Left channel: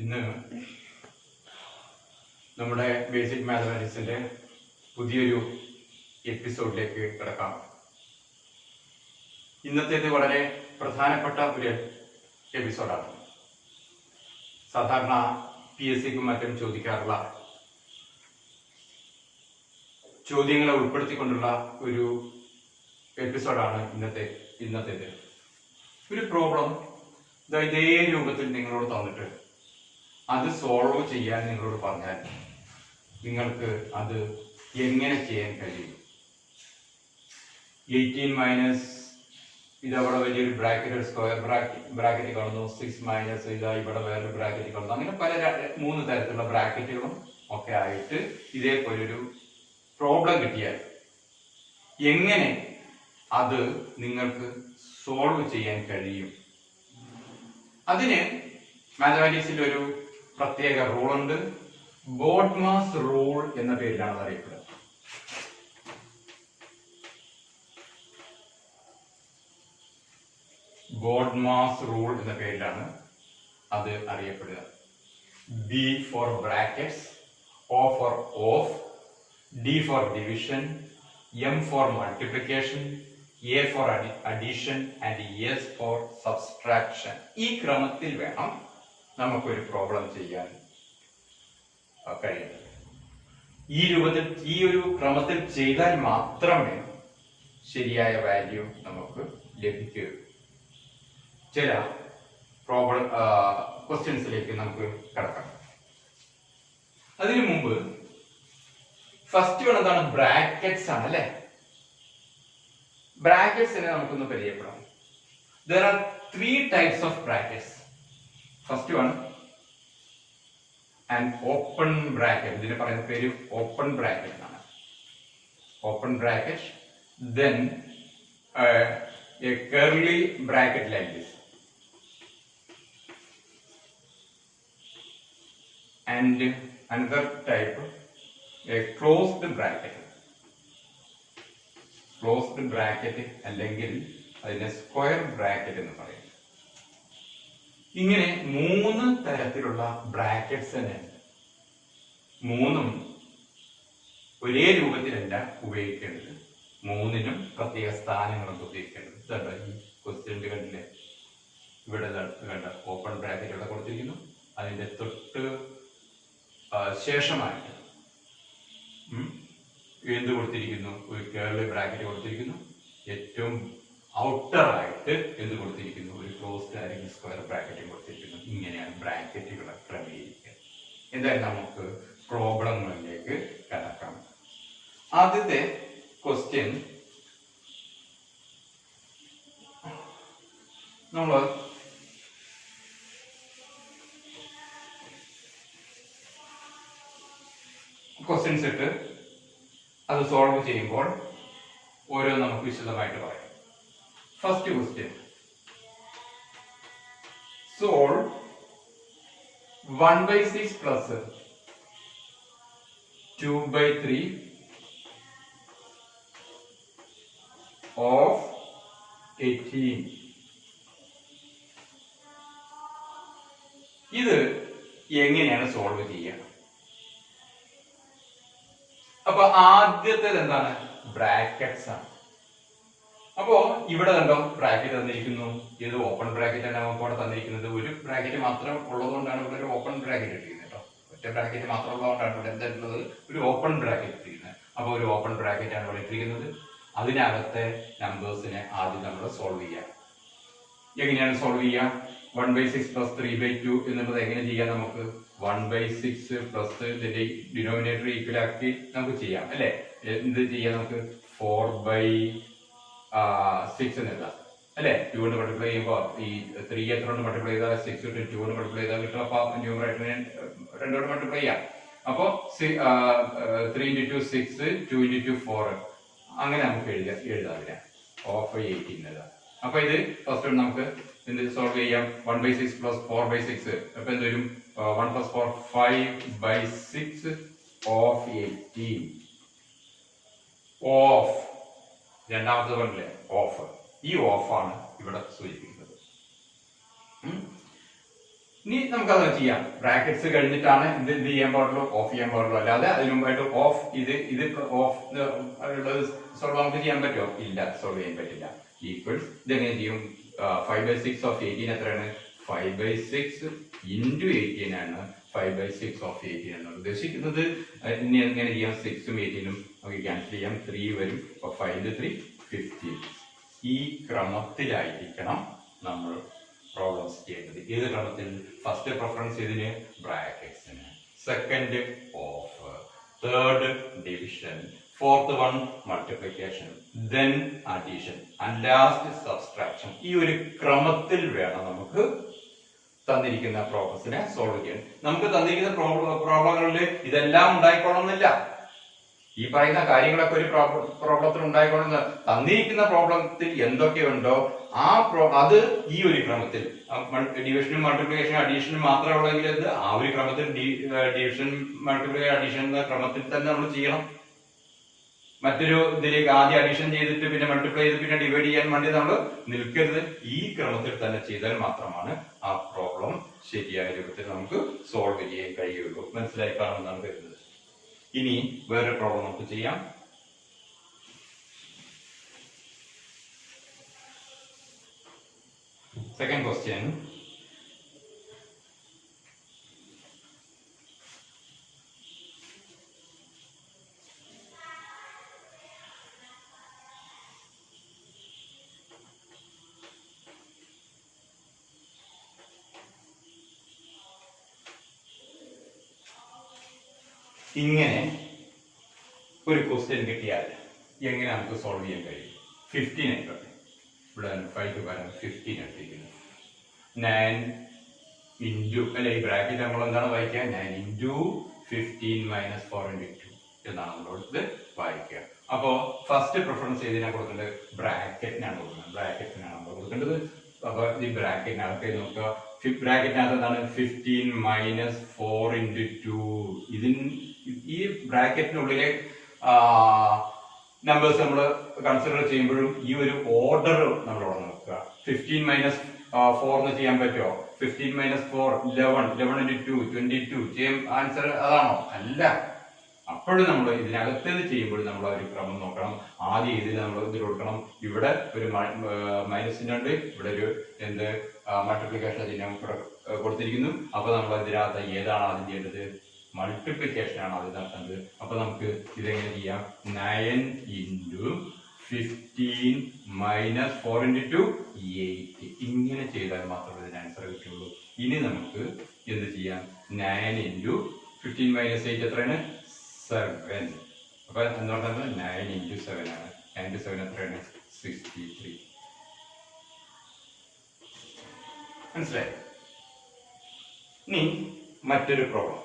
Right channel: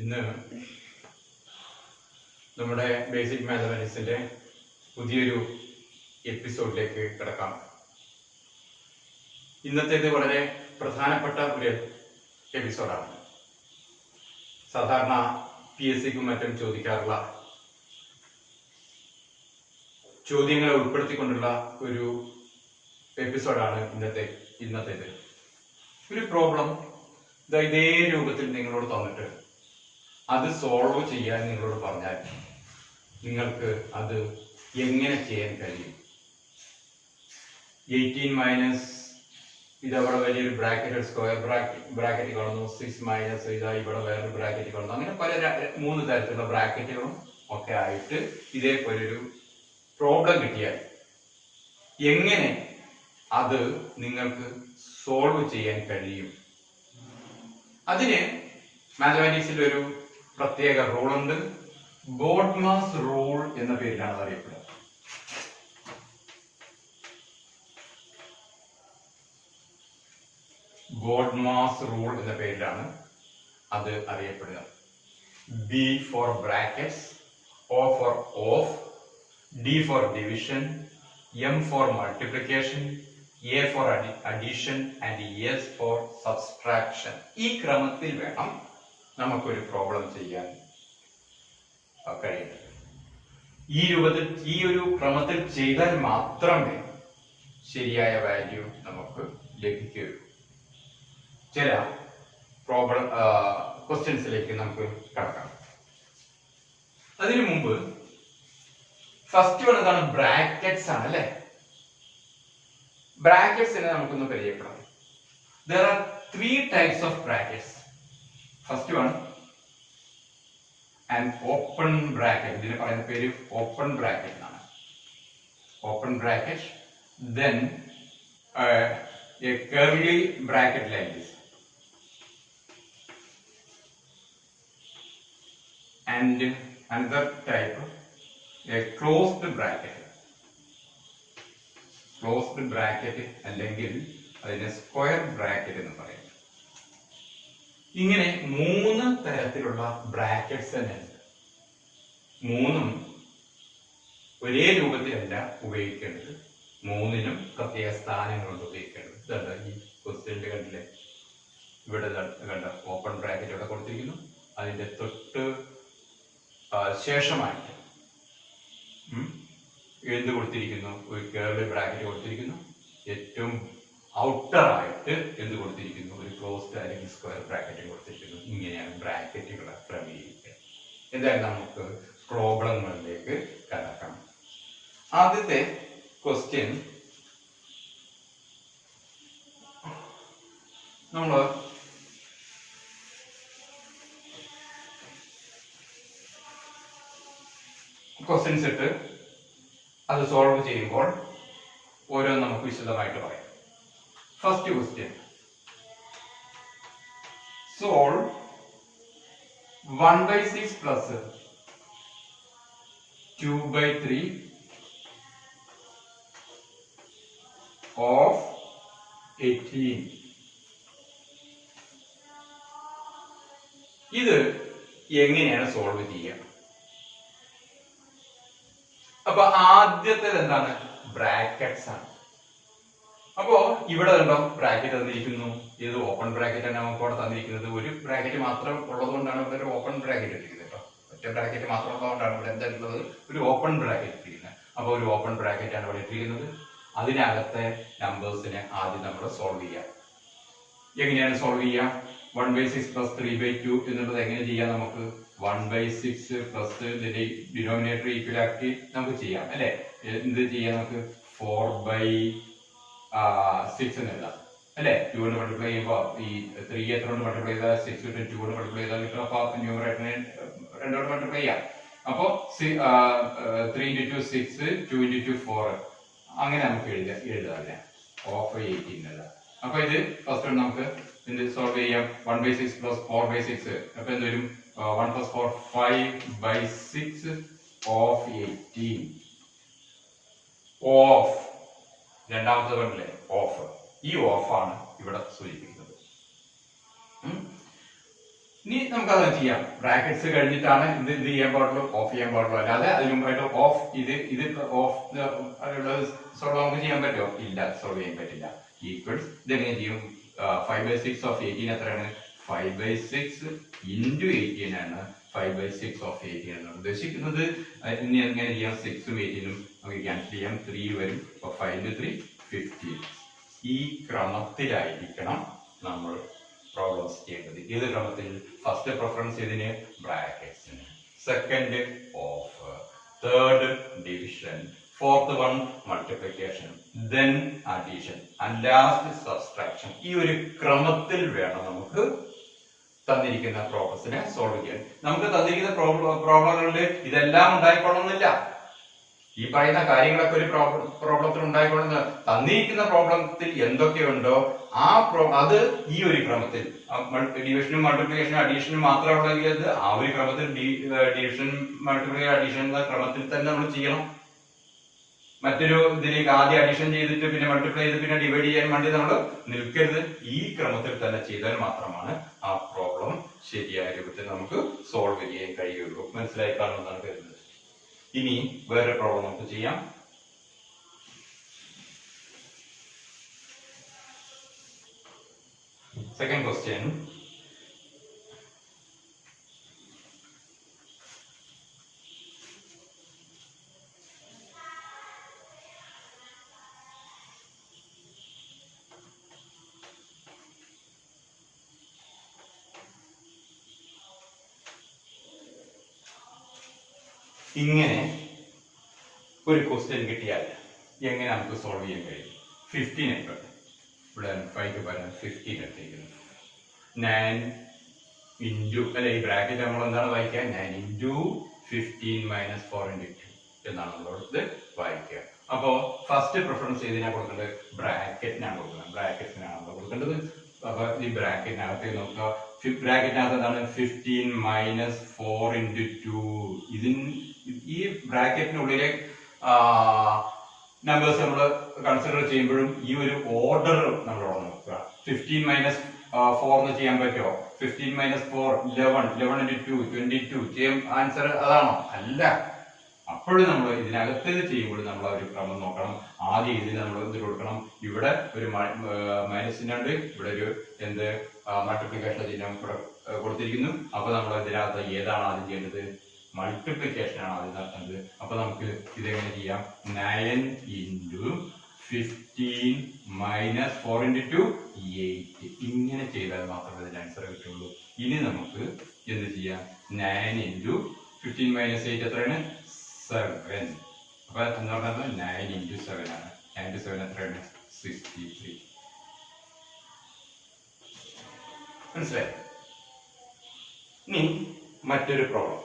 ഇന്ന് നമ്മുടെ ബേസിക് മാത്തമാറ്റിക്സിന്റെ പുതിയൊരു എപ്പിസോഡിലേക്ക് കിടക്കാം. ഇന്നത്തേത് വളരെ പ്രധാനപ്പെട്ട ഒരു എപ്പിസോഡാണ്. സാധാരണ PSCക്കും മറ്റും ചോദിക്കാറുള്ള ചോദ്യങ്ങളെ ഉൾപ്പെടുത്തിക്കൊണ്ടുള്ള ഒരു എപ്പിസോഡാണ് ഇന്നത്തേത്. ഒരു പ്രോബ്ലം ഇതേ രൂപത്തിൽ നിങ്ങളോട് തന്നിട്ട് അത് സോൾവ് ചെയ്യാൻ നിങ്ങളോട് പറഞ്ഞാൽ നിങ്ങൾക്ക് അത് എങ്ങനെ ചെയ്യാൻ കഴിയും? 18 മൈനസ് ഇതവിടെ വലിയൊരു ബ്രാക്കറ്റ്, സ്ക്വയർ ബ്രാക്കറ്റ് കാണുന്നു. 6 മൈനസ് ഇതാ ഇവിടെ വേറൊരു ബ്രാക്കറ്റ് കാണുന്നു. അങ്ങനെ പല 3 തരത്തിലുള്ള ബ്രാക്കറ്റുകളും ഒക്കെ ആയിട്ട് ഇതേപോലൊരു പ്രോബ്ലം കിട്ടിയാൽ എങ്ങനെ അത് നിങ്ങൾക്ക് സോൾവ് ചെയ്യാൻ കഴിയും? അതിന് മാത്തമാറ്റിക്സിൽ ഒരു പ്രത്യേക റൂളുണ്ട്. ബോഡ്മാസ് റൂൾ എന്ന പേരിലാണ് അത് അറിയപ്പെടുക. ബോഡ്മാസ് റൂൾ എന്ന പേരിലാണ് അത് അറിയപ്പെടുക. B for brackets, O for off, D for division, M for multiplication, A for addition and S for subtraction. ഈ ക്രമത്തിൽ വേണം നമുക്കൊരു പ്രോബ്ലം ചെയ്യാൻ കഴിയും. ഈ രൂപത്തിൽ ഈ ഒരു ക്രമത്തിൽ ചെയ്താൽ മാത്രമേ ശരിയായ വാല്യൂ നമുക്ക് ലഭിക്കുകയുള്ളൂ. ചില പ്രോബ്ലം ക്വസ്റ്റ്യൻസിലേക്ക് നമുക്ക് കടക്കാം. അതിനു മുമ്പ് ഫസ്റ്റ് വൺ എന്താണ്? ബ്രാക്കറ്റ്സ് ആണ് അല്ലെ. ബ്രാക്കറ്റ്സിനെ നമുക്കൊന്ന് പരിചയപ്പെടാം. There are 3 types of brackets. First one, an open bracket. ഇതിനെ പറയുന്ന പേര് ഓപ്പൺ ബ്രാക്കറ്റ് എന്നാണ്. Open bracket. Then a curly bracket like this. And another type, a closed bracket. Closed bracket അല്ലെങ്കിൽ അതിനെ സ്ക്വയർ ബ്രാക്കറ്റ് എന്ന് പറയും. ഇങ്ങനെ 3 തരത്തിലുള്ള ബ്രാക്കറ്റ്സ് തന്നെ ഉണ്ട്. 3ഉം ഒരേ രൂപത്തിലല്ല ഉപയോഗിക്കേണ്ടത്. 3നും പ്രത്യേക സ്ഥാനങ്ങളുണ്ട് ഉപയോഗിക്കേണ്ടത്. ഇതല്ല ഈ ക്വസ്റ്റ്യനിൽ കണ്ടില്ലേ, ഇവിടെ കണ്ട ഓപ്പൺ ബ്രാക്കറ്റ് ഇവിടെ കൊടുത്തിരിക്കുന്നു. അതിന്റെ തൊട്ട് ശേഷമായിട്ട് എന്ത് കൊടുത്തിരിക്കുന്നു? ഒരു കേർലി ബ്രാക്കറ്റ് കൊടുത്തിരിക്കുന്നു. ഏറ്റവും ഔട്ടർ ആയിട്ട് എന്ത് കൊടുത്തിരിക്കുന്നു? ഒരു ക്ലോസ്ഡ് അല്ലെങ്കിൽ സ്ക്വയർ ബ്രാക്കറ്റ് കൊടുത്തിരിക്കുന്നു. ഇങ്ങനെയാണ് ബ്രാക്കറ്റുകളെ ക്രമീകരിക്കുക. എന്തായാലും നമുക്ക് പ്രോബ്ലങ്ങളിലേക്ക് കടക്കാം. ആദ്യത്തെ ക്വസ്റ്റ്യൻ നമ്മൾ ക്വസ്റ്റ്യൻസ് ഇട്ട് അത് സോൾവ് ചെയ്യുമ്പോൾ ഓരോന്ന് നമുക്ക് വിശദമായിട്ട് പറയാം. First question, solve 1/6 plus 2/3 of 18. ഇത് എങ്ങനെയാണ് സോൾവ് ചെയ്യുക? അപ്പൊ ആദ്യത്തേത് എന്താണ്? ബ്രാക്കറ്റ്സ് ആണ്. അപ്പോ ഇവിടെ കണ്ടോ ബ്രാക്കറ്റ് തന്നിരിക്കുന്നു. ഇത് ഓപ്പൺ ബ്രാക്കറ്റ് ആണ് നമുക്ക് ഇവിടെ തന്നിരിക്കുന്നത്. ഒരു ബ്രാക്കറ്റ് മാത്രം ഉള്ളത് കൊണ്ടാണ് ഇവിടെ ഒരു ഓപ്പൺ ബ്രാക്കറ്റ് ഇട്ടിരിക്കുന്നത് കേട്ടോ. ഒറ്റ ബ്രാക്കറ്റ് മാത്രം ഉള്ളതുകൊണ്ടാണ് ഇവിടെ എന്തായിട്ടുള്ളത് ഒരു ഓപ്പൺ ബ്രാക്കറ്റ് ഇട്ടിരിക്കുന്നത്. അപ്പൊ ഒരു ഓപ്പൺ ബ്രാക്കറ്റ് ആണ് ഇവിടെ ഇട്ടിരിക്കുന്നത്. അതിനകത്തെ നമ്പേഴ്സിനെ ആദ്യം നമ്മൾ സോൾവ് ചെയ്യാം. എങ്ങനെയാണ് സോൾവ് ചെയ്യാം? 1/6 പ്ലസ് 3/2 എന്നുള്ളത് എങ്ങനെ ചെയ്യാം? നമുക്ക് 1/6 പ്ലസ് ഇതിന്റെ ഡിനോമിനേറ്റർ ഈക്വൽ ആക്കി നമുക്ക് ചെയ്യാം അല്ലെ. എന്ത് ചെയ്യാം? നമുക്ക് 4/6 എന്ന് എഴുതാം അല്ലെ. 2 കൊണ്ട് മൾട്ടിപ്ലൈ ചെയ്യുമ്പോൾ ഈ 3 എത്ര കൊണ്ട് മൾട്ടിപ്ലൈ ചെയ്താൽ 6 കിട്ടും. 2 കൊണ്ട് മൾട്ടിപ്ലൈ ചെയ്താൽ കിട്ടും. അപ്പൊ ന്യൂമറേറ്ററിനെ 2 കൊണ്ട് മൾട്ടിപ്ലൈ ചെയ്യാം. അപ്പൊ 3 × 2 6, 2 × 2 4. അങ്ങനെ നമുക്ക് എഴുതാം. ഓഫ് 18 എഴുതാം. അപ്പൊ ഇത് ഫസ്റ്റ് നമുക്ക് എന്ത് സോൾവ് ചെയ്യാം? 1/6 പ്ലസ് 4/6. അപ്പൊ എന്ത് വരും? 1 + 4 5/6 ഓഫ് 18. ഓഫ് രണ്ടാമത്തെ കണ്ടില്ലേ, ഓഫ്. ഈ ഓഫാണ് ഇവിടെ സൂചിപ്പിക്കുന്നത്. ഇനി നമുക്കത് ചെയ്യാം. ബ്രാക്കറ്റ്സ് കഴിഞ്ഞിട്ടാണ് ഇത് ചെയ്യാൻ പാടുള്ളൂ, ഓഫ് ചെയ്യാൻ പാടുള്ളൂ. അല്ലാതെ അതിന് മുമ്പായിട്ട് ഓഫ് ഇത് ഓഫ് ഉള്ളത് സോൾവ് നമുക്ക് ചെയ്യാൻ പറ്റുമോ? ഇല്ല, സോൾവ് ചെയ്യാൻ പറ്റില്ല. ഈക്വൽസ് ഇതെങ്ങനെ ചെയ്യും? 5/6 ഓഫ് 18 എത്രയാണ്? 5/6 into 18 ആണ്. 5/6 ഓഫ് 18 എന്നാണ് ഉദ്ദേശിക്കുന്നത്. ഇനി എങ്ങനെ ചെയ്യാം? 6ഉം 18ഉം നമുക്ക് ക്യാൻസൽ ചെയ്യാം. 3 വരും. അപ്പൊ 5 into 3 15. ഈ ക്രമത്തിലായിരിക്കണം നമ്മൾ പ്രോബ്ലംസ് ചെയ്യേണ്ടത്. ഏത് ക്രമത്തിൽ? ഫസ്റ്റ് പ്രിഫറൻസ് ഇതിന് ബ്രാക്കറ്റ്സിന്, second of, third division, fourth one multiplication, then addition and last subtraction. ഈ ഒരു ക്രമത്തിൽ വേണം നമുക്ക് തന്നിരിക്കുന്ന പ്രോബ്ലംസിനെ സോൾവ് ചെയ്യാൻ. നമുക്ക് തന്നിരിക്കുന്ന പ്രോബ്ലങ്ങളിൽ ഇതെല്ലാം ഉണ്ടായിക്കൊള്ളുന്നില്ല. ഈ പറയുന്ന കാര്യങ്ങളൊക്കെ ഒരു പ്രോബ്ലത്തിൽ ഉണ്ടായിക്കൊള്ളുന്ന തന്നിരിക്കുന്ന പ്രോബ്ലത്തിൽ എന്തൊക്കെയുണ്ടോ അത് ഈ ഒരു ക്രമത്തിൽ ഡിവിഷനും മൾട്ടിപ്ലിക്കേഷനും അഡീഷനും മാത്രമേ ഉള്ളെങ്കിൽ അത് ആ ഒരു ക്രമത്തിൽ ഡിവിഷൻ മൾട്ടിപ്ലിക്കേഷൻ അഡീഷൻ എന്ന ക്രമത്തിൽ തന്നെ നമ്മൾ ചെയ്യണം. മറ്റൊരു ഇതിലേക്ക് ആദ്യം അഡീഷൻ ചെയ്തിട്ട് പിന്നെ മൾട്ടിപ്ലൈ ചെയ്ത് പിന്നെ ഡിവൈഡ് ചെയ്യാൻ വേണ്ടി നമ്മൾ നിൽക്കരുത്. ഈ ക്രമത്തിൽ തന്നെ ചെയ്താൽ മാത്രമാണ് ആ പ്രോബ്ലം ശരിയായ രൂപത്തിൽ നമുക്ക് സോൾവ് ചെയ്യാൻ കഴിയുള്ളൂ. മനസ്സിലായി കാണുമെന്നാണ് കരുതുന്നത്. ഇനി വേറെ പ്രോബ്ലം നമുക്ക് ചെയ്യാം. Second question. ഇങ്ങനെ ഒരു ക്വസ്റ്റ്യൻ കിട്ടിയാൽ എങ്ങനെ നമുക്ക് സോൾവ് ചെയ്യാൻ കഴിയും? 15 ആയിക്കോട്ടെ, ഇവിടെ 5 പകരം 15 എടുത്തിരിക്കുന്നു. 9 ഇൻറ്റു അല്ലെ ഈ ബ്രാക്കറ്റ് നമ്മൾ എന്താണ് വായിക്കുക? 9 ഇൻറ്റു 15 മൈനസ് 4 ഇൻറ്റു 2 എന്നാണ് നമ്മളോട് വായിക്കുക. അപ്പോ ഫസ്റ്റ് പ്രിഫറൻസ് ഏതിനാ കൊടുക്കേണ്ടത്? ബ്രാക്കറ്റിനാണ് കൊടുക്കുന്നത്. ബ്രാക്കറ്റിനാണ് നമ്മൾ കൊടുക്കേണ്ടത്. അപ്പൊ ഈ ബ്രാക്കറ്റിനകത്ത് നോക്കുക. ബ്രാക്കറ്റിനകത്ത് എന്താണ്? 15 മൈനസ് 4 ഇൻറ്റു 2. ഈ ബ്രാക്കറ്റിനുള്ളിലെ നമ്പേഴ്സ് നമ്മൾ കൺസിഡർ ചെയ്യുമ്പോഴും ഈ ഒരു ഓർഡർ നമ്മളോട് നോക്കുക. 15 മൈനസ് 4 എന്ന് ചെയ്യാൻ പറ്റുമോ? 15 മൈനസ് 4 11 ഇൻറ്റു 2 22. ചെയ്യാൻ ആൻസർ അതാണോ? അല്ല. അപ്പോഴും നമ്മൾ ഇതിനകത്ത് ചെയ്യുമ്പോൾ നമ്മൾ ഒരു ക്രമം നോക്കണം. ആദ്യം ഇതിൽ നമ്മൾ ഇത് കൊടുക്കണം. ഇവിടെ ഒരു മൈനസിന് ഉണ്ട്, ഇവിടെ ഒരു എന്ത് മൾട്ടിപ്ലിക്കേഷൻ ചിഹ്നം കൊടുത്തിരിക്കുന്നു. അപ്പൊ നമ്മൾ ഇതിനകത്ത് ഏതാണ് ആദ്യം ചെയ്യേണ്ടത്? മൾട്ടിപ്ലിക്കേഷൻ ആണ് ആദ്യം നടത്തേണ്ടത്. അപ്പൊ നമുക്ക് ഇതെങ്ങനെ ചെയ്യാം? 9 ഇൻറ്റു 15 മൈനസ് 4 ഇൻറ്റു 2 8. ഇങ്ങനെ ചെയ്താൽ മാത്രമേ ഇതിന് ആൻസർ കിട്ടുള്ളൂ. ഇനി നമുക്ക് എന്ത് ചെയ്യാം? 9 ഇൻറ്റു 15 മൈനസ് 8 എത്രയാണ്? 7. അപ്പൊ എന്താ പറയുന്നത്? 9 ഇൻറ്റു 7 ആണ്. 9 ഇൻറ്റു 7 എത്രയാണ്? 63. മനസ്സിലായി? ഇനി മറ്റൊരു problem.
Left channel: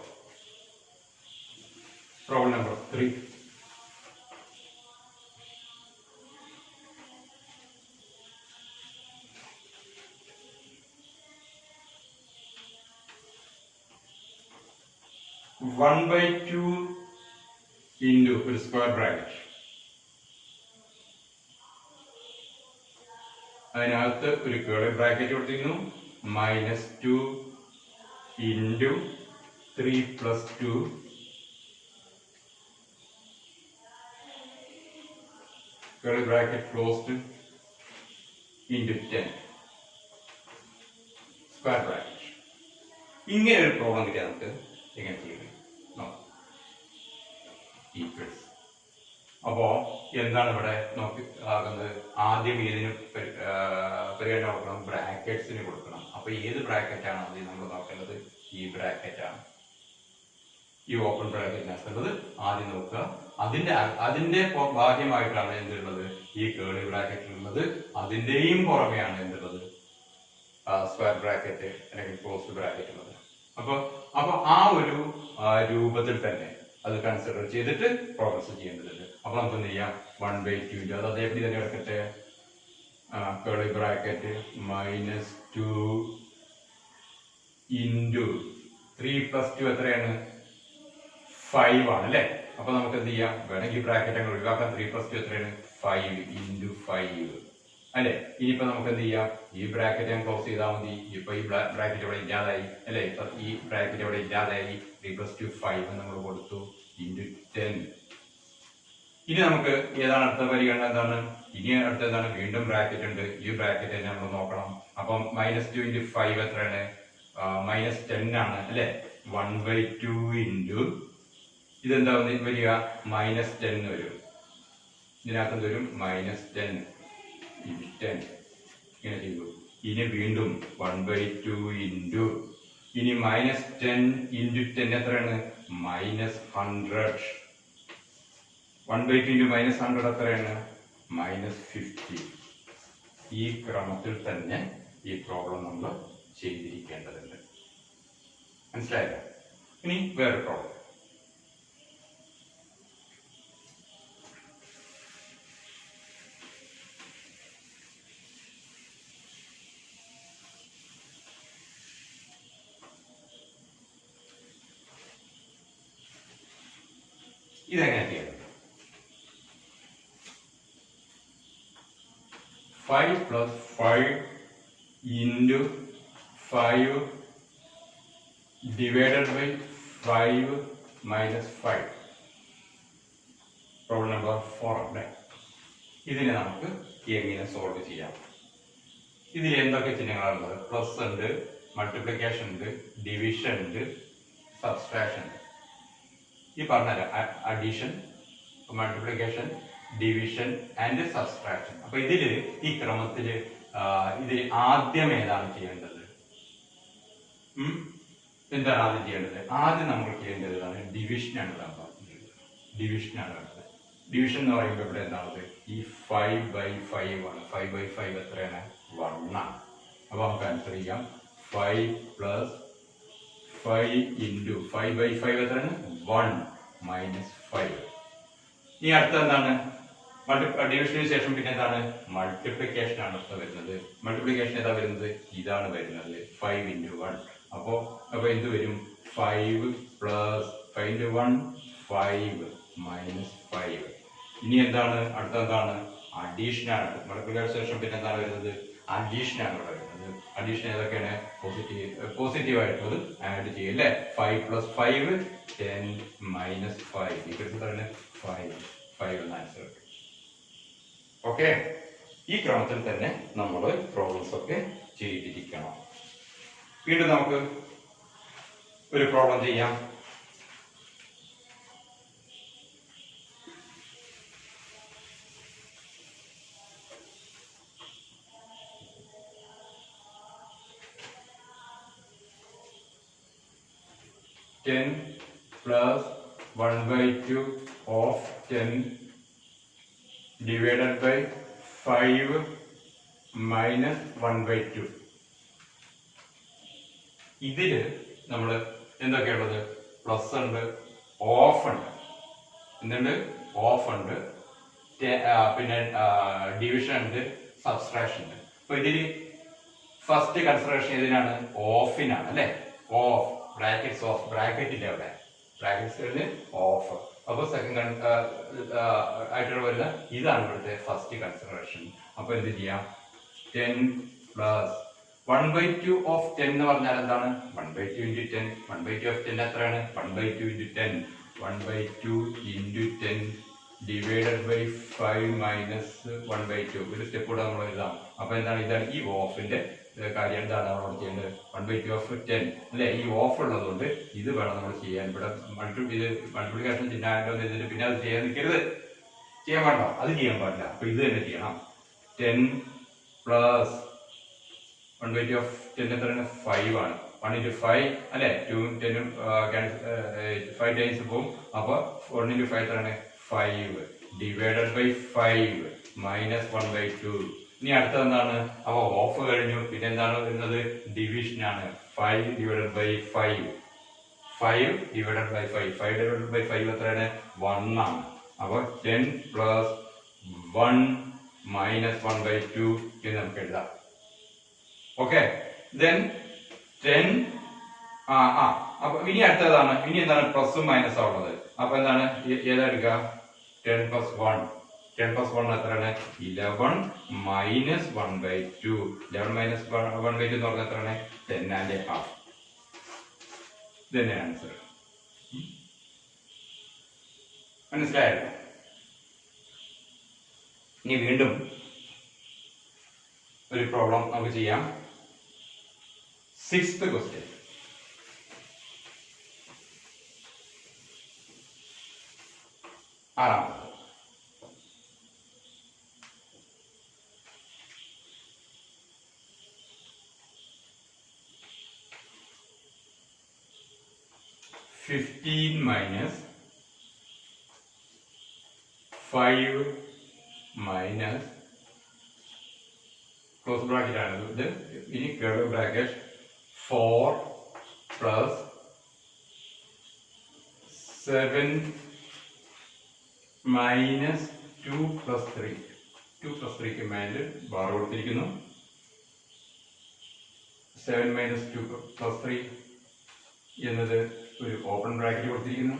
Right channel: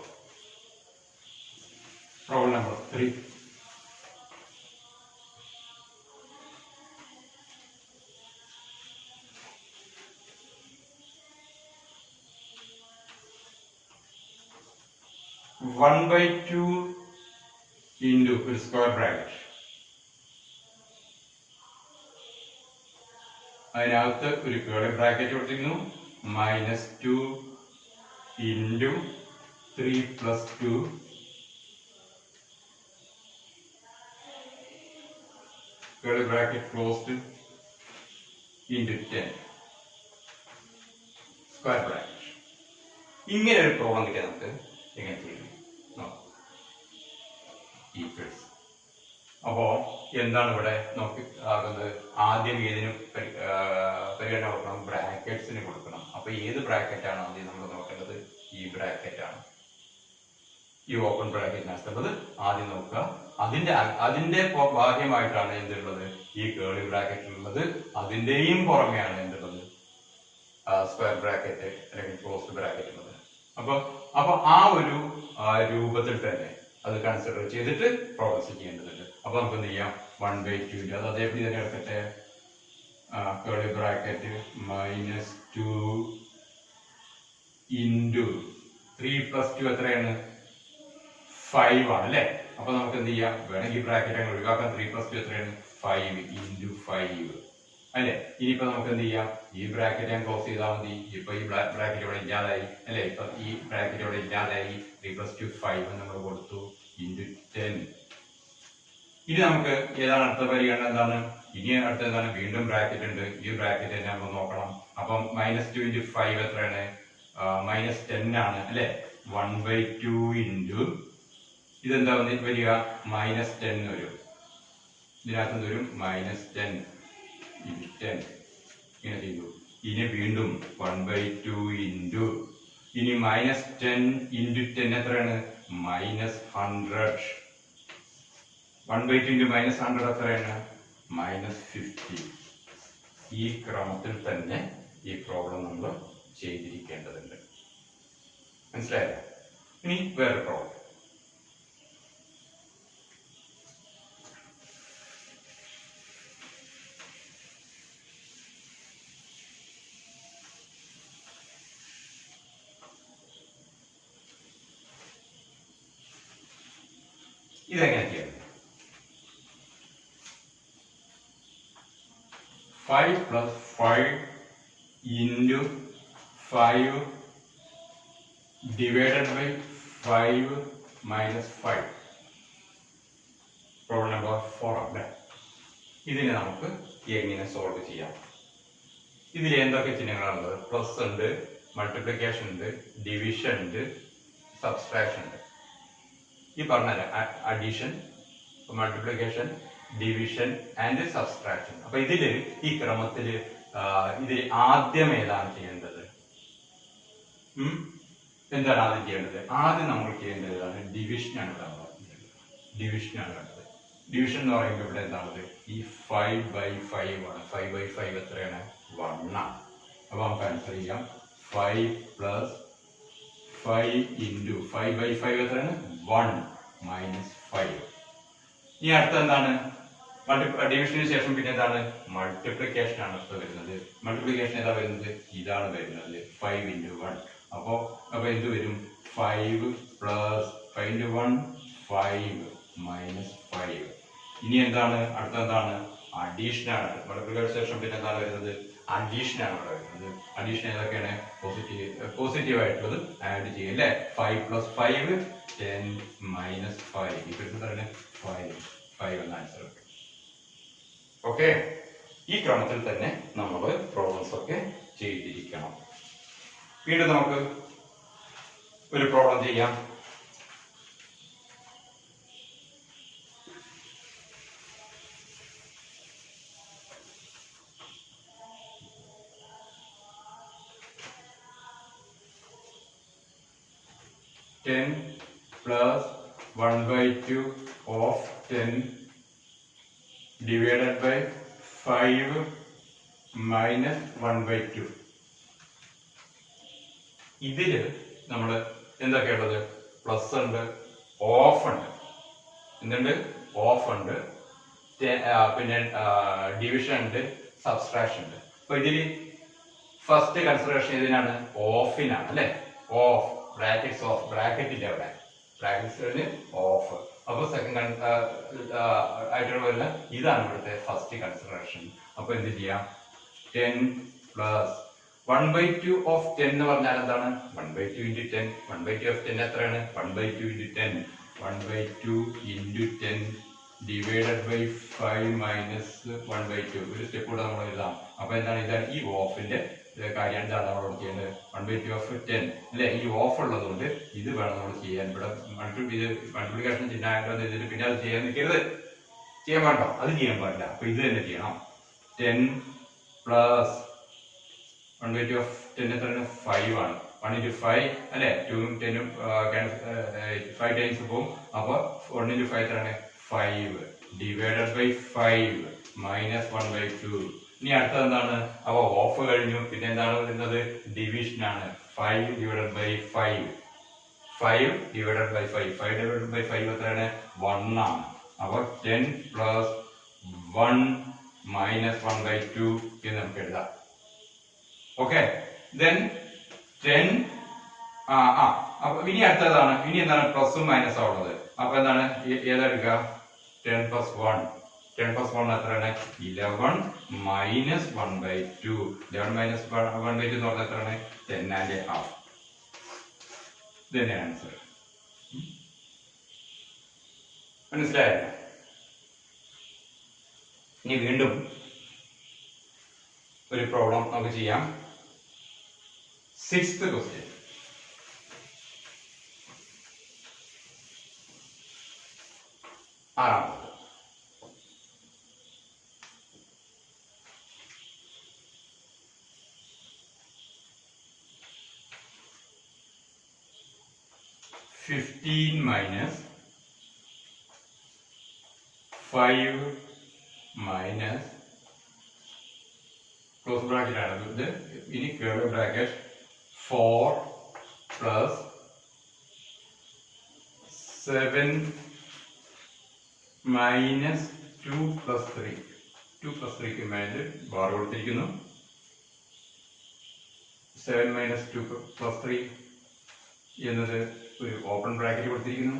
Problem number 3. One by 2 into ഒരു സ്ക്വയർ ബ്രാക്കറ്റ്, അതിനകത്ത് ഒരു കേർലി ബ്രാക്കറ്റ് കൊടുത്തിരുന്നു. -2 into 3 + 2 curly bracket closed into 10 square bracket. ഇങ്ങനെ ഒരു പ്രോബ്ലം കിട്ടിയാൽ നമുക്ക് എങ്ങനെ ചെയ്യും? ഈക്വൽസ്. അപ്പോ എന്താണ് ഇവിടെ നോക്കി ആകുന്നത്? ആദ്യം ഏതിന് പരിഗണന കൊടുക്കണം? ബ്രാക്കറ്റ്സിന് കൊടുക്കണം. അപ്പൊ ഏത് ബ്രാക്കറ്റ് ആണ് ആദ്യം നമ്മൾ നോക്കേണ്ടത്? ഈ ബ്രാക്കറ്റ് ആണ്. ഈ ഓപ്പൺ ബ്രാക്കറ്റിനകത്തുള്ളത് ആദ്യം നോക്കുക. അതിന്റെ ഭാഗ്യമായിട്ടാണ് എന്തുള്ളത്? ഈ കേർലി ബ്രാക്കറ്റിലുള്ളത്. അതിന്റെയും പുറമെയാണ് എന്തുള്ളത്? സ്ക്വയർ ബ്രാക്കറ്റ് അല്ലെങ്കിൽ ക്ലോസ്ഡ് ബ്രാക്കറ്റ് ഉള്ളത്. അപ്പൊ ആ ഒരു രൂപത്തിൽ തന്നെ അത് കൺസിഡർ ചെയ്തിട്ട് പ്രോഗ്രസ് ചെയ്യേണ്ടതുണ്ട്. അപ്പൊ നമുക്ക് എന്ത് ചെയ്യാം? 1/2 അത് അതേപടി തന്നെ എടുക്കട്ടെ. കേർലി ബ്രാക്കറ്റ് -2 ഇൻറ്റു 3 + 2 എത്രയാണ്? 5 ആണ് അല്ലെ? അപ്പൊ നമുക്ക് എന്ത് ചെയ്യാം? വേണമെങ്കിൽ ബ്രാക്കറ്റ് അങ്ങ് ഒഴിവാക്കാം. 3 + 2 എത്രയാണ്? 5 ഇൻറ്റു 5 അല്ലെ. ഇനിയിപ്പോ നമുക്ക് എന്ത് ചെയ്യാം, ഈ ബ്രാക്കറ്റ് ഞാൻ ക്ലോസ് ചെയ്താൽ മതി. ഇപ്പൊ ഈ ബ്രാക്കറ്റ് ഇവിടെ ഇല്ലാതായി അല്ലെ. ഇപ്പൊ ഈ ബ്രാക്കറ്റ് ഇവിടെ ഇല്ലാതായി. 3 + 2 5 നമ്മൾ കൊടുത്തു ഇൻറ്റു 10. ഇനി നമുക്ക് ഏതാണ് അടുത്ത പരിഗണന, എന്താണ് ഇനി അടുത്ത എന്താണ്, വീണ്ടും ബ്രാക്കറ്റ് ഉണ്ട്. ഈ ബ്രാക്കറ്റ് തന്നെ നമ്മൾ നോക്കണം. അപ്പം -2 × 5 എത്രയാണ്, -10 ആണ് അല്ലെ. 1/2 ഇൻറ്റു ഇതെന്താ വരിക, -10 വരും. ഇതിനകത്ത് വരും -10 × 10 ഇങ്ങനെ ചെയ്തു. ഇനി വീണ്ടും 1/2 ഇൻറ്റു ഇനി -10 × 10 എത്രയാണ്, -100. 1/2 × -100 എത്രയാണ്, -50. ഈ ക്രമത്തിൽ തന്നെ ഈ പ്രോബ്ലം നമ്മൾ ചെയ്തിരിക്കേണ്ടതുണ്ട്. മനസ്സിലായോ? ഇനി വേറെ പ്രോബ്ലം. ഇതെങ്ങനെ ചെയ്യാം? 5 + 5 × 5 ഡിവൈഡഡ് ബൈ 5 - 5. പ്രോബ്ലം നമ്പർ 4 അല്ലേ. ഇതിനെ നമുക്ക് എങ്ങനെ സോൾവ് ചെയ്യാം? ഇതിൽ എന്തൊക്കെ ചിഹ്നങ്ങളാണുള്ളത്? പ്ലസ് ഉണ്ട്, മൾട്ടിപ്ലിക്കേഷൻ ഉണ്ട്, ഡിവിഷൻ ഉണ്ട്, സബ്സ്ട്രാക്ഷൻ ഉണ്ട്. ഈ പറഞ്ഞ addition, multiplication, division and subtraction. അപ്പൊ ഇതില് ഈ ക്രമത്തില് ഇതിൽ ആദ്യം ഏതാണ് ചെയ്യേണ്ടത്? എന്താണ് ആദ്യം ചെയ്യേണ്ടത്? ആദ്യം നമ്മൾ ചെയ്യേണ്ടതാണ് ഡിവിഷനാണ്. ഡിവിഷനാണ് വേണ്ടത്. ഡിവിഷൻ എന്ന് പറയുമ്പോൾ ഇവിടെ എന്താണ്, ഈ 5/5 ആണ്. 5/5 എത്രയാണ്, 1 ആണ്. അപ്പൊ നമുക്ക് ആൻസർ ചെയ്യാം 5 + 5 × 5/5 എത്രയാണ്, 1 - 5. ഇനി അടുത്ത എന്താണ്, ഡിവിഷന് ശേഷം പിന്നെ എന്താണ്, മൾട്ടിപ്ലിക്കേഷൻ ആണ് വരുന്നത്. മൾട്ടിപ്ലിക്കേഷൻ ഏതാ വരുന്നത്, ഇതാണ് വരുന്നത്, 5 × 1. അപ്പൊ എന്ത് വരും, 5 + 5 × 1 5 - 5. ഇനി എന്താണ് അടുത്ത എന്താണ്, അഡീഷൻ ആണ്. മൾട്ടിപ്ലിക്കേഷൻ ശേഷം പിന്നെ എന്താണ് വരുന്നത്, അഡീഷൻ ആണ് ഇവിടെ വരുന്നത്. അഡീഷൻ ഏതൊക്കെയാണ്, പോസിറ്റീവ് ആയിട്ടുള്ളത് ആഡ് ചെയ്യും അല്ലെ. 5 + 5 10 - 5 ഇതാണ് 5 എന്ന ആൻസർ. ഓക്കെ, ഈ ക്രമത്തിൽ തന്നെ നമ്മൾ പ്രോബ്ലംസ് ഒക്കെ ചെയ്തിരിക്കണം. വീണ്ടും നമുക്ക് ഒരു പ്രോബ്ലം ചെയ്യാം. +10 + 1/2 of 10 divided by 5 - 1/2. ഇതില് നമ്മൾ എന്തൊക്കെയുള്ളത്, പ്ലസ് ഉണ്ട്, ഓഫ് ഉണ്ട്, എന്തുണ്ട്, ഓഫ് ഉണ്ട്, പിന്നെ ഡിവിഷൻ ഉണ്ട്, സബ്സ്ട്രാക്ഷൻ ഉണ്ട്. അപ്പൊ ഇതില് ഫസ്റ്റ് കൺസിഡറേഷൻ ഇതിനാണ്, ഓഫിനാണ് അല്ലെ. ഓഫ് ബ്രാക്കറ്റ്സ്, ഓഫ് ബ്രാക്കറ്റ് ഇല്ല അവിടെ, ബ്രാക്കറ്റ്സ് ഓഫ്. അപ്പൊ സെക്കൻഡ് ആയിട്ടുള്ള വരുന്ന ഇതാണ് ഇവിടുത്തെ ഫസ്റ്റ് കൺസിഡറേഷൻ. അപ്പൊ എന്ത് ചെയ്യാം, 10 + 1/2 of 10 എന്ന് പറഞ്ഞാൽ എന്താണ്, 1/2 × 10. 1/2 of 10 എത്രയാണ്, 1/2 × 10. 1/2 × 10 ഡിവൈഡഡ് ബൈ 5 - 1/2. ഒരു സ്റ്റെപ്പ് കൂടെ നമ്മൾ എഴുതാം. അപ്പൊ എന്താണ്, ഇതാണ് ഈ ഓഫിന്റെ കാര്യം. എന്താണ് നമ്മൾ ചെയ്യുന്നത്, 1/2 of 10 അല്ലെ. ഈ ഓഫ് ഉള്ളത് കൊണ്ട് ഇത് വേണം നമ്മൾ ചെയ്യാൻ. ഇവിടെ മൾട്ടിപ്ലിക്കേഷൻ ചിഹ്നം ഇതിന് പിന്നെ അത് ചെയ്യാൻ നിൽക്കരുത്, ചെയ്യാൻ വേണ്ടോ, അത് ചെയ്യാൻ പാടില്ല. അപ്പൊ ഇത് തന്നെ ചെയ്യണം. 10 + 1/2 of 10 എത്രയാണ്, 5 ആണ്. 1 × 5 അല്ലെ. 2 ും 10 ഉം 5 ടൈംസ് പോകും. അപ്പൊ 1 × 5 എത്രയാണ്, 5 ഡിവൈഡഡ് ബൈ 5 - 1/2. ഇനി അടുത്തത് എന്താണ്, അപ്പൊ ഓഫ് കഴിഞ്ഞു. പിന്നെ എന്താണ് വരുന്നത്, ഡിവിഷൻ ആണ്. 5 divided by 5 5 divided by 5 5 divided by 5 എത്രയാണ്, 1 ആണ്. അപ്പൊ 10 + 1 - 1/2 എന്ന് നമുക്ക് എഴുതാം. ഓക്കെ, ദെൻ 10 അപ്പൊ ഇനി അടുത്തതാണ്, ഇനി എന്താണ്, പ്ലസും മൈനസും ഉള്ളത്. അപ്പൊ എന്താണ്, ഏതാ എടുക്കുക, 10 + 1 10 plus 1 എത്രയാണ്? 11 minus 1/2. 11 minus 1/2 എന്ന് പറഞ്ഞാൽ എത്രയാണ്? 10.5. ഇതന്നെ ആൻസർ. മനസ്സിലായല്ലോ? ഇനി വീണ്ടും ഒരു പ്രോബ്ലം നമുക്ക് ചെയ്യാം. 6th question. ആറാമത്. (15 minus 5 minus) ക്ലോസ് ബ്രാക്കറ്റ് ആണ് ഇത്. ഇനി curve bracket 4 plus 7 minus 2 plus 3. 2 plus 3 command bar കൊടുത്തിരിക്കുന്നു. 7 minus 2 plus 3 എന്നത് ഒരു ഓപ്പൺ ബ്രാക്കറ്റ് കൊടുത്തിരിക്കുന്നു.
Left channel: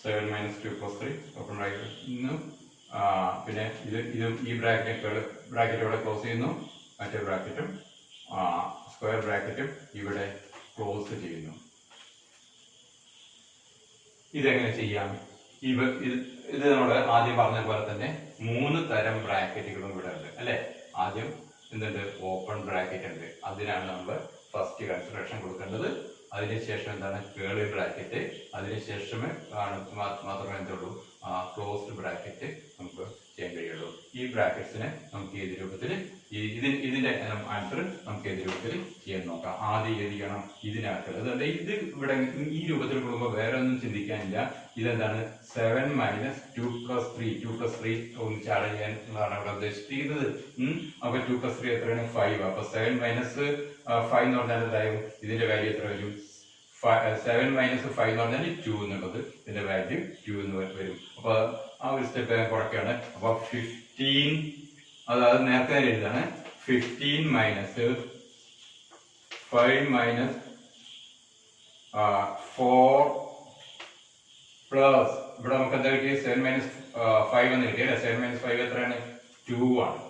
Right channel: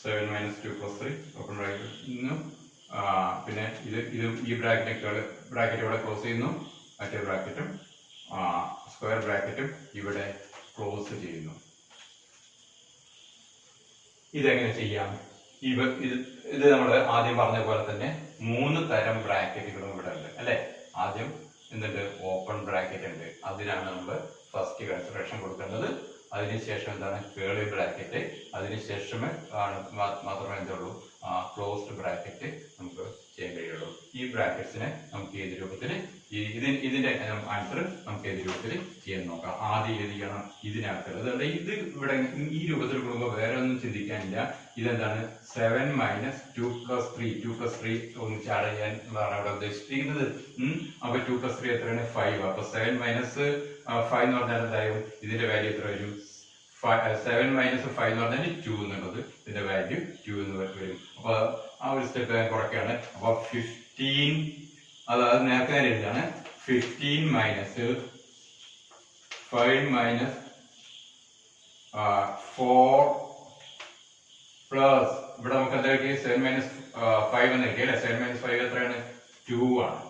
7 minus 2 plus 3 ഓപ്പൺ ബ്രാക്കറ്റ്. പിന്നെ ഈ ബ്രാക്കറ്റ് ഇവിടെ ക്ലോസ് ചെയ്യുന്നു. മറ്റേ ബ്രാക്കറ്റും സ്ക്വയർ ബ്രാക്കറ്റും ഇവിടെ ക്ലോസ് ചെയ്യുന്നു. ഇതെങ്ങനെ ചെയ്യാം? ഇത് നമ്മൾ ആദ്യം പറഞ്ഞ പോലെ തന്നെ 3 തരം ബ്രാക്കറ്റുകളും ഇവിടെ ഉണ്ട് അല്ലെ. ആദ്യം എന്തുണ്ട്? ഓപ്പൺ ബ്രാക്കറ്റ് ഉണ്ട്. അതിനാണ് നമ്മൾ ഫസ്റ്റ് കൺസിഡറേഷൻ കൊടുക്കേണ്ടത്. അതിനുശേഷം എന്താണ്? Curly bracket. അതിനുശേഷമേ മാത്രമേ എന്തുള്ളൂ? ക്ലോസ്ഡ് ബ്രാക്കറ്റ് നമുക്ക് ചെയ്യാൻ കഴിയുള്ളൂ. ഈ ബ്രാക്കറ്റ്സിനെ നമുക്ക് ഏത് രൂപത്തിൽ ഇതിന്റെ ആൻസർ നമുക്ക് ഏത് രൂപത്തിൽ ചെയ്യാൻ നോക്കാം. ആദ്യം ഏത് ചെയ്യണം? ഇതിനകത്തുള്ളത്. അതുകൊണ്ട് ഇത് ഇവിടെ ഈ രൂപത്തിൽ കൊടുക്കുമ്പോൾ വേറെ ഒന്നും ചിന്തിക്കാനില്ല. ഇതെന്താണ്? 7 minus 2 plus 3. 2 plus 3 ഒന്നിച്ച് ആഡ് ചെയ്യാനുള്ളതാണ് ഇവിടെ ഉദ്ദേശിച്ചിരിക്കുന്നത്. അപ്പൊ 2 plus 3 എത്രയാണ്? 5. അപ്പൊ 7 minus 5 എന്ന് പറഞ്ഞാൽ എന്തായാലും ഇതിന്റെ വാല്യൂ എത്ര വരും? 7 minus 5 എന്ന് പറഞ്ഞാൽ 2 എന്നുള്ളത് ഇതിന്റെ വാല്യൂ 2 എന്ന് വരും. അപ്പൊ ആ ഒരു സ്റ്റെപ്പ് ഞാൻ കുറയ്ക്കുകയാണ്. അപ്പൊ 15, അതായത് നേരത്തെ എഴുതാണ് 15 minus 5 minus 4 പ്ലസ് ഇവിടെ നമുക്ക് എന്താ കിട്ടിയത്? 7 minus 5 എന്ന് കിട്ടി അല്ലെ. 7 minus 5 എത്രയാണ്? 2 ആണ്.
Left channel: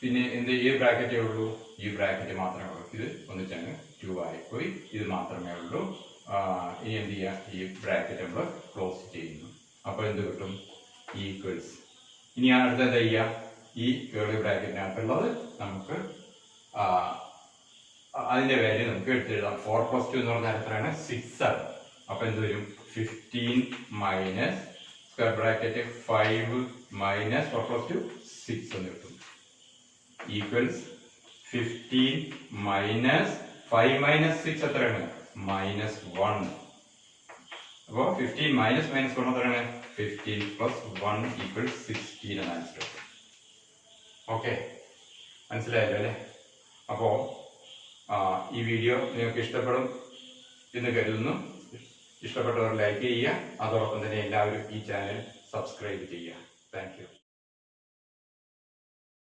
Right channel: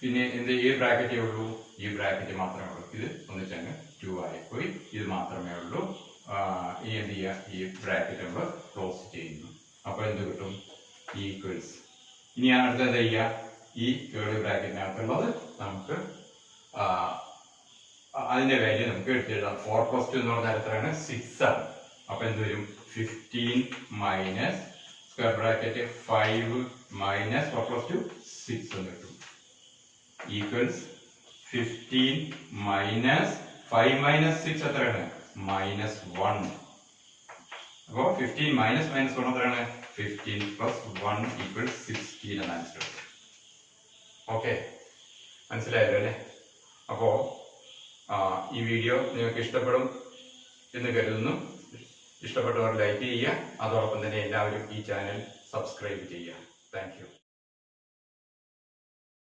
പിന്നെ എന്ത്? ഈ ബ്രാക്കറ്റേ ഉള്ളൂ. ഈ ബ്രാക്കറ്റ് മാത്രമേ ഉള്ളൂ. ഇത് ഒന്നിച്ചങ്ങ് 2 ആയിപ്പോയി. ഇത് മാത്രമേ ഉള്ളൂ. ഇനി എന്ത് ചെയ്യുക? ഈ ബ്രാക്കറ്റ് നമ്മൾ ക്ലോസ് ചെയ്യുന്നു. അപ്പൊ എന്ത് കിട്ടും? ഈക്വൽസ്. ഇനി അടുത്ത് എന്താ ചെയ്യുക? ഈ കേർലി ബ്രാക്കറ്റിനകത്തുള്ളത് നമുക്ക് അതിന്റെ വാല്യൂ നമുക്ക് എടുത്തെഴുതാം. 4 plus 2 എന്ന് പറഞ്ഞാൽ എത്രയാണ്? 6 ആണ്. അപ്പൊ എന്ത് വരും? 15 minus square bracket 5 minus 4 plus 2 6 എന്ന് കിട്ടും. ഈക്വൽസ് 15 minus 5 minus 6 എത്രയാണ്? -1. അപ്പോ 15 minus -1 എത്രയാണ്? 15 plus 1 equals 16 എന്ന ആൻസർ. ഓക്കെ, മനസ്സിലായല്ലോ അല്ലേ? അപ്പോ ഈ വീഡിയോ നിങ്ങൾക്ക് ഇഷ്ടപ്പെടും എന്ന് കരുതുന്നു. ഇഷ്ടപ്പെട്ടവർ ലൈക്ക് ചെയ്യുക. അതോടൊപ്പം തന്നെ എല്ലാവരും ഈ ചാനൽ സബ്സ്ക്രൈബ് ചെയ്യുക. Thank you.